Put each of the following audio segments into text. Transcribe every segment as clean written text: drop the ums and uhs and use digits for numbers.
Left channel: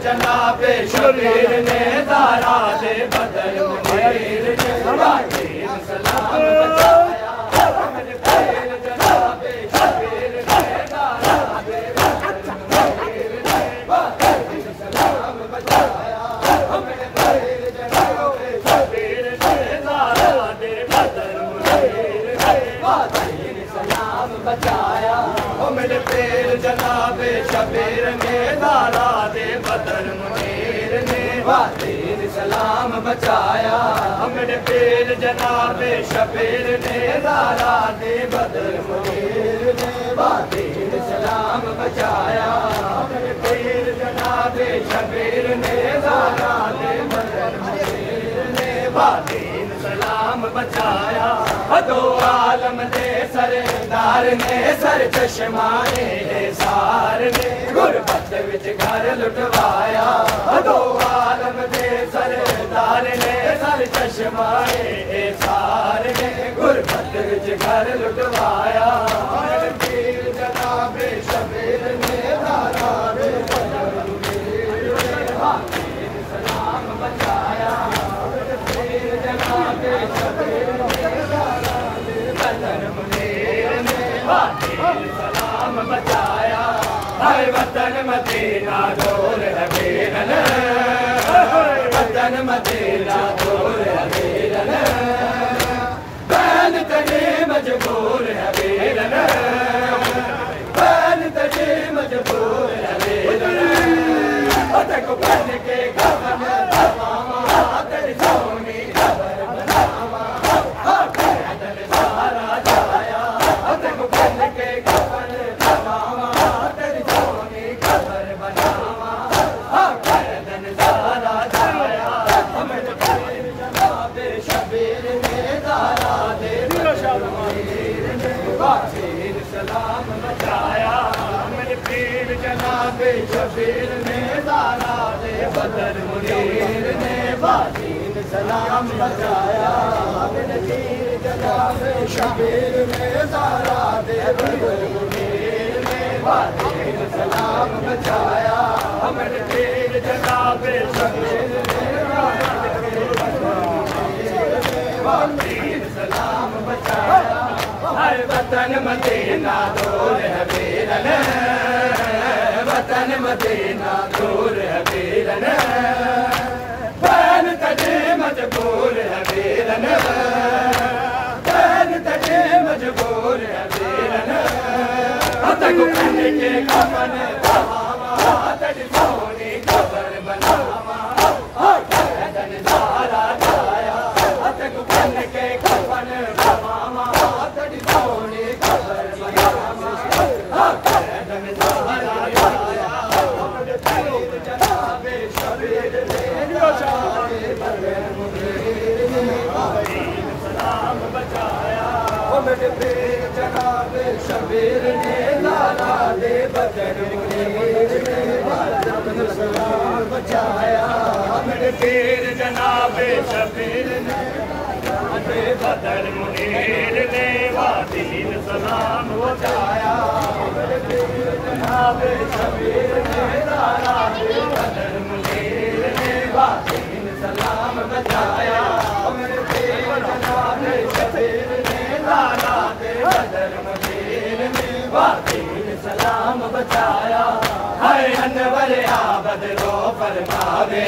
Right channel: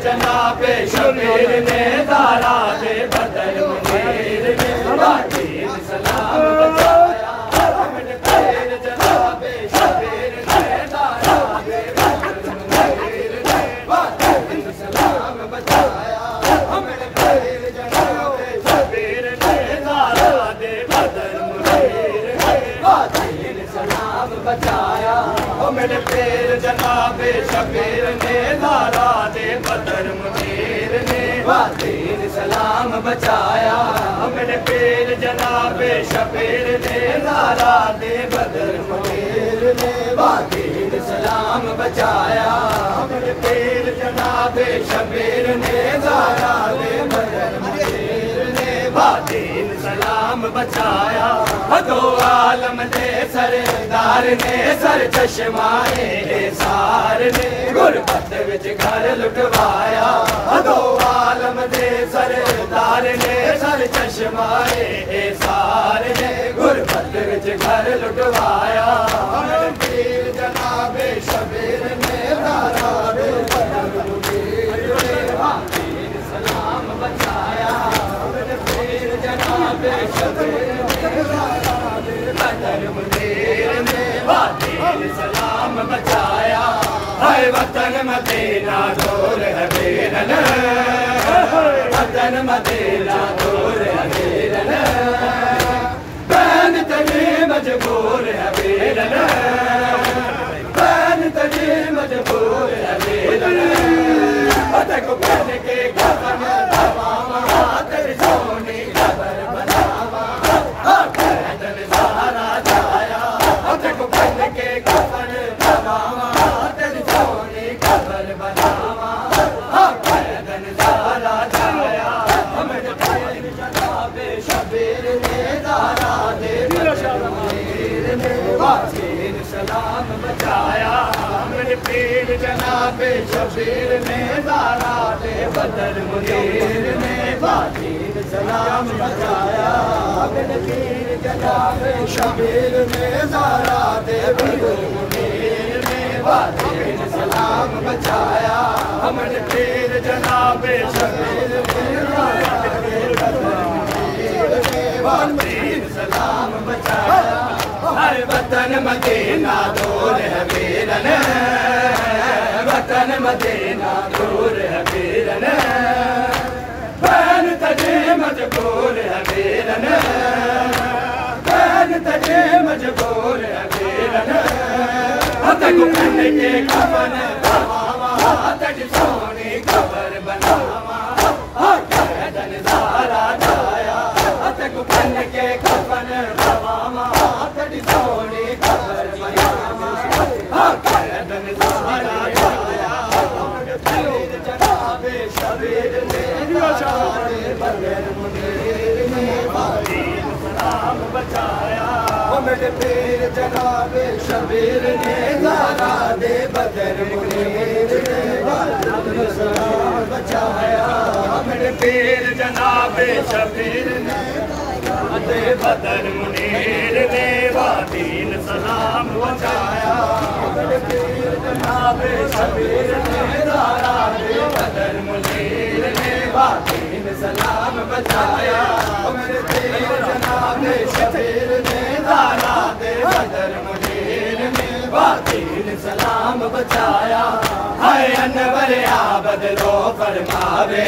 जनाबे शबीर ने दारा दे बदर मुनीर ने वादीन सलाम बचाया। मेरे पीर जनाबे शबीर ने दारा दे बदर मुनीर ने वादीन सलाम बचाया। मेरे पीर जनाबे शबीर ने दारा दे बदर मुनीर ने वादीन सलाम बचाया। मेरे पीर जनाबे शबीर ने दारा दे बदर मुनीर ने वादीन सलाम बचाया। मेरे पीर जनाबे शबीर ने दारा दे बदर मुनीर ने वादीन सलाम बचाया। मेरे पीर जनाबे शबीर ने दारा दे बदर मुनीर ने वादीन सलाम बचाया। दो आलम दे सरदार ने सर चश्माए सार ने गुरबत विच घर लुटवाया। दो आलम दे सरदार ने सर चश्माए सार ने गुरबत विच घर लुटवाया। मेरे पीर जनाबे शबीर ने दारा दे बदर मुनीर ने वादीन सलाम बचाया। मेरे पीर जनाबे शबीर ने दारा दे बदर मुनीर ने वादीन सलाम बचाया। हाय वतन मदीना दूर है वीरन, वतन मदीना दूर है वीरन, बैन तजी मजबूर है वीरन, बैन तजी मजबूर है वीरन। पतक बन के कफन दबावा तेरी सोनी खबर बनावा तेरे सारा जाया। पतक बन के कफन दबावा तेरी सोनी खबर बनावा पैदन सारा जाया। मेरे पीर जनाबे शबीर ने दारा दे बदर मुनीर ने वादीन सलाम बचाया। मेरे पीर जनाबे शबीर ने दारा दे बदर मुनीर ने वादीन सलाम बचाया। मेरे पीर जनाबे शबीर ने दारा दे बदर मुनीर ने वादीन सलाम बचाया। मेरे पीर जनाबे शबीर ने दारा दे बदर मुनीर ने वादीन सलाम बचाया। हर वतन मदीना दूर है वीरन, वतन मदीना दूर है वीरन, बैन तजे मजबूर है वीरन, बैन तजे मजबूर है वीरन। तक बन के कफन दबावा तेरी सोनी खबर बनावा पैदन सारा जाया। तक बन के कफन दबावा तेरी सोनी खबर बनावा पैदन सारा जाया। पीर जनाबे शबीर ने दारा दे बदर मुनीर ने वादीन सलाम बचाया। मेरे पीर जनाबे शबीर ने दारा दे बदर मुनीर ने वादीन सलाम बचाया। मेरे पीर जनाबे शबीर ने दारा दे बदर मुनीर ने वादीन सलाम बचाया। मेरे पीर जनाबे शबीर ने दारा दे बदर मुनीर ने वादीन सलाम बचाया। मेरे पीर जनाबे शबीर ने दारा दे बदर मुनीर ने वादीन सलाम बचाया। हाय अनवर आबद रो फरमावे,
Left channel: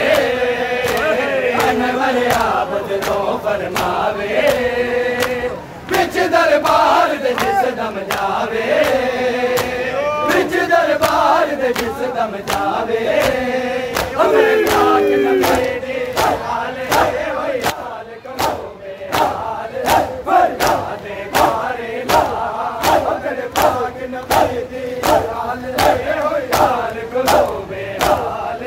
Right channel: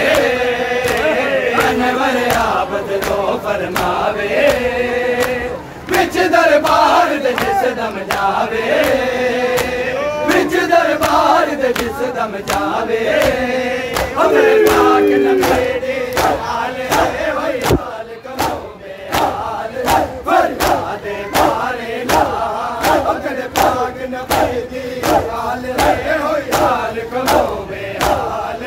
अनवर आबद रो फरमावे, विच दरबार दे जिस दम जावे, विच दरबार दे जिस दम जावे। अमर पाक नबी हाल है वही हाल करो बेहाल फरियाद मारे ला। अमर पाक नबी हाल है वही हाल करो बेहाल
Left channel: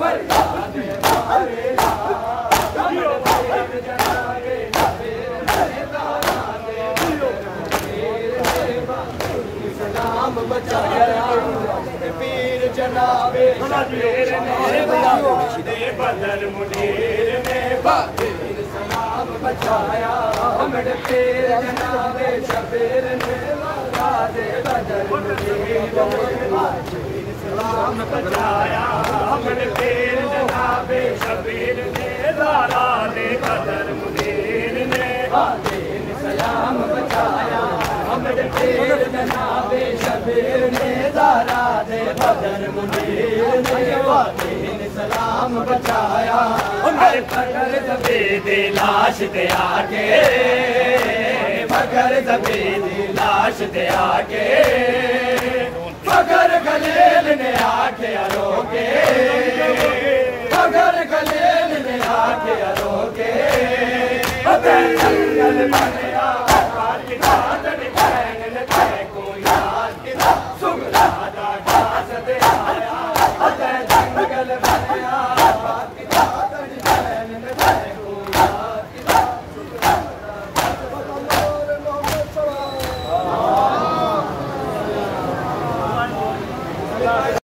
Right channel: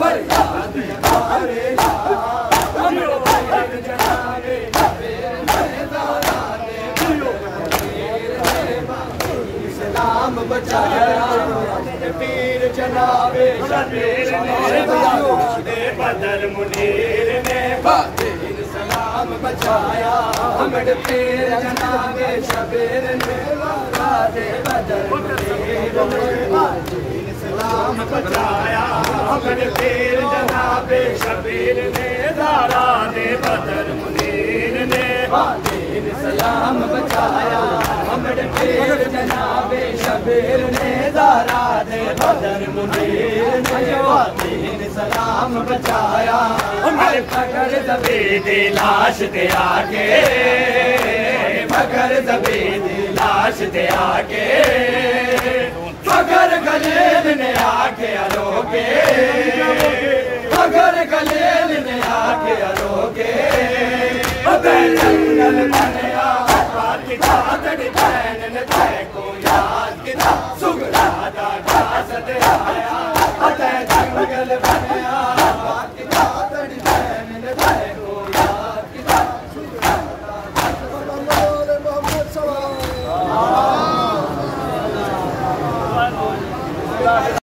फरियाद मारे ला। अमर पाक जनाबे शबीर ने दारा दे बदर मुनीर ने वादीन सलाम बचाया। पीर जनाबे शबीर ने दारा दे बदर मुनीर ने वादीन सलाम बचाया। मेरे पीर जनाबे शबीर ने दारा दे बदर मुनीर ने वादीन सलाम बचाया। मेरे ज़ारा दे बदर मुनीर ने दीन सलाम बचाया। फकर ज़बी दी लाश ते आके, फकर ज़बी दी लाश ते आके, फकर खलील ने आके रोके, फकर खलील ने आके रोके। जंगल बनया चादड़ी बहन ने को याद किया, सुगरा दादा सदे आया। जंगल बनया चादड़ी बहन ने को याद किया।